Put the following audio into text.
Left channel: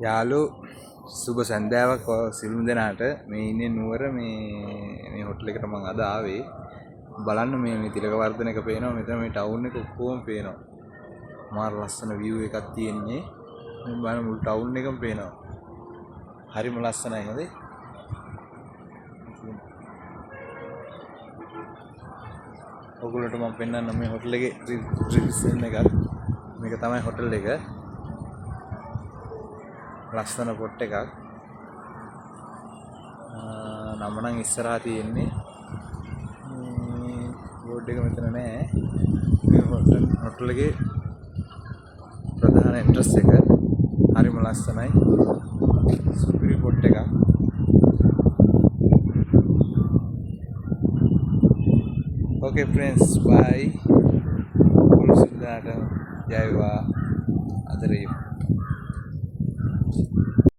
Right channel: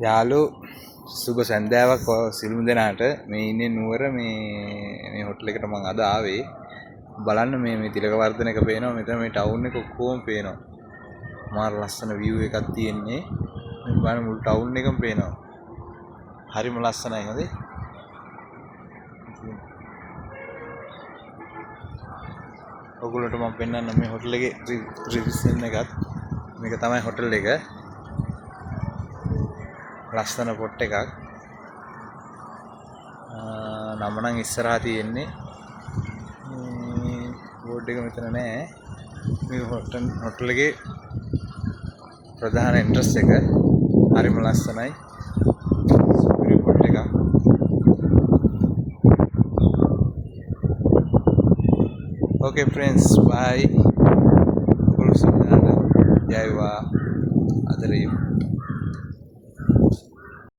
යාළු සුබ සන්ධ්‍යාවක් සිළුම් දෙනාට මේ ඉන්නේ නුවර මේ හොටල් එකට මම අද ආවේ බලන්න මේ තිලක වර්ධනක පේනවා මෙතන මේ ටවුන් එක ඔක්කොම පේනවා මාර ලස්සන view එකක් තියෙන්නේ මේ බලන්න මුළු ටවුන් එකම පේනවා හරිම ලස්සනයි හොඳේ ඔයගොල්ලන්ට මම පෙන්නන්න මේ හොටල් එකේ රිවිෂන් එකත් මේක තමයි හොටල් එක ලස්සන පොට් එකක් නම නම් ඉස්සරහා තියෙන්නේ බෝඩ් එක මෙතන නෑ මේ හොටල් එකේ ප්‍රධාන එන්ට්‍රස් එක හරිම ලස්සනයි සුපිරි පොට් එකක් okay friends bye ඔගොල්ලෝ සිතාට ජය වේවා අද රේ